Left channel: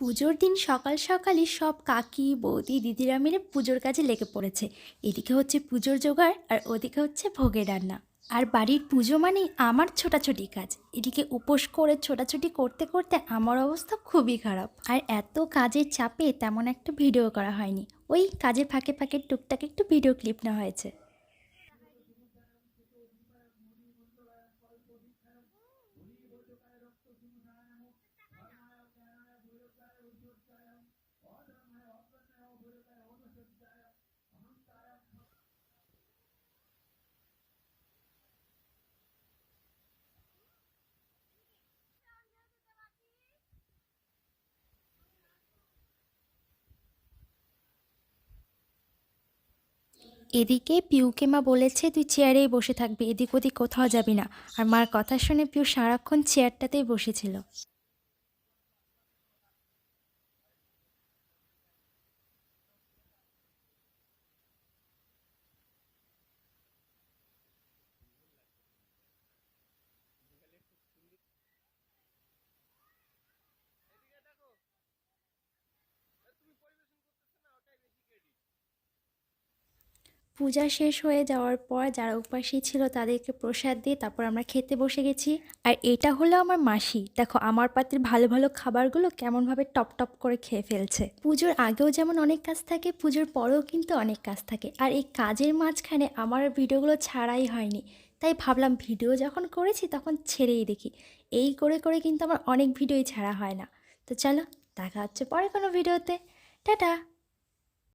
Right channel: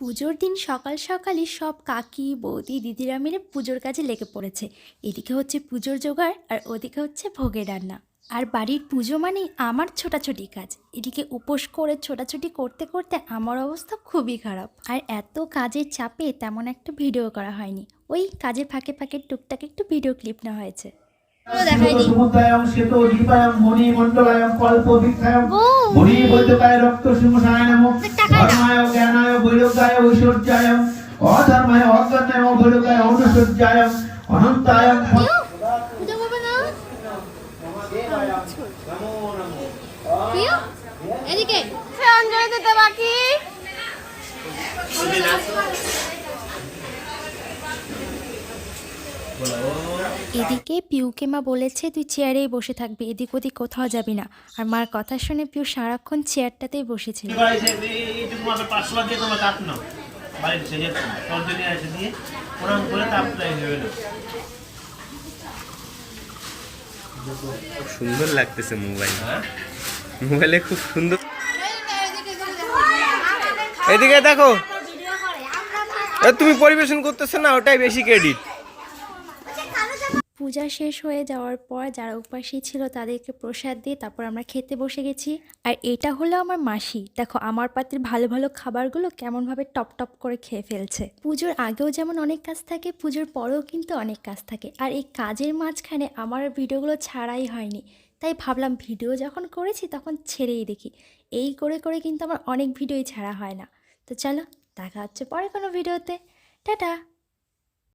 পুজোর দিন সকাল সকালই সব কাকি বৌদি দিদিরা মিলে পুজোর কাজে লেগে পড়েছে। এদিকে হচ্ছে পুজোর জোগাড় আর ওদিকে হচ্ছে ভোগের রান্না। আর বাড়ির পুজো মানেই আমার ছোটাছুটি কাজ। এদিকে উপোস করে ছোটাছুটি করতে করতে আমার অবস্থা খুবই খারাপ। আর এত কাজের চাপে তেমন একটা ভিডিও করা হয়নি, ওই কাজের ফাঁকে ফাঁকে টুকটাক একটু ভিডিও ক্লিপ নেওয়া হয়েছে। এদিকে পিউকে মা বলেছে তুই চেয়ারেই বসে থাকবি, এদিক ওদিক কোথাও যাবি না। আর মার কথা শুনে পিউ সারাক্ষণ চেয়ারটাতেই বসেছিল। সুন্দর লাগতেছে মোবাইলে খুব সুন্দর। এদিকে দেখো, তুমি পরিবেশন করতেছো না, ওটাই বেশি ক্রেডিট। পূজা শেষ হয়ে যাওয়ার পর যারা উপাসী ছিল তাদেরকে প্রসাদ দিয়ে তারপর আমরা খেতে বসে গেছি। আর এটা হলো আমার মাসি, দেখো আমার পাত্রের ভালো ভালো খাবারগুলো কেমনভাবে টপ টপ করে খেয়ে ফেলছে। পুজোর আগেও যেমন অনেক কাজ থাকে, পুজোর পরেও কিন্তু অনেক কাজ থাকে। আর এই কাজের মাঝখানে আমার ভিডিওগুলো ছাড়াই হয়নি, তাই ভাবলাম ভিডিও যখন করেছি তখন ছেড়েই দেখি। এই করে করে কিন্তু আমার অনেক ভিডিওই ছাড়া হয় না। তো চলো দেখা হচ্ছে পরে কোনো ভিডিওতে। টাটা।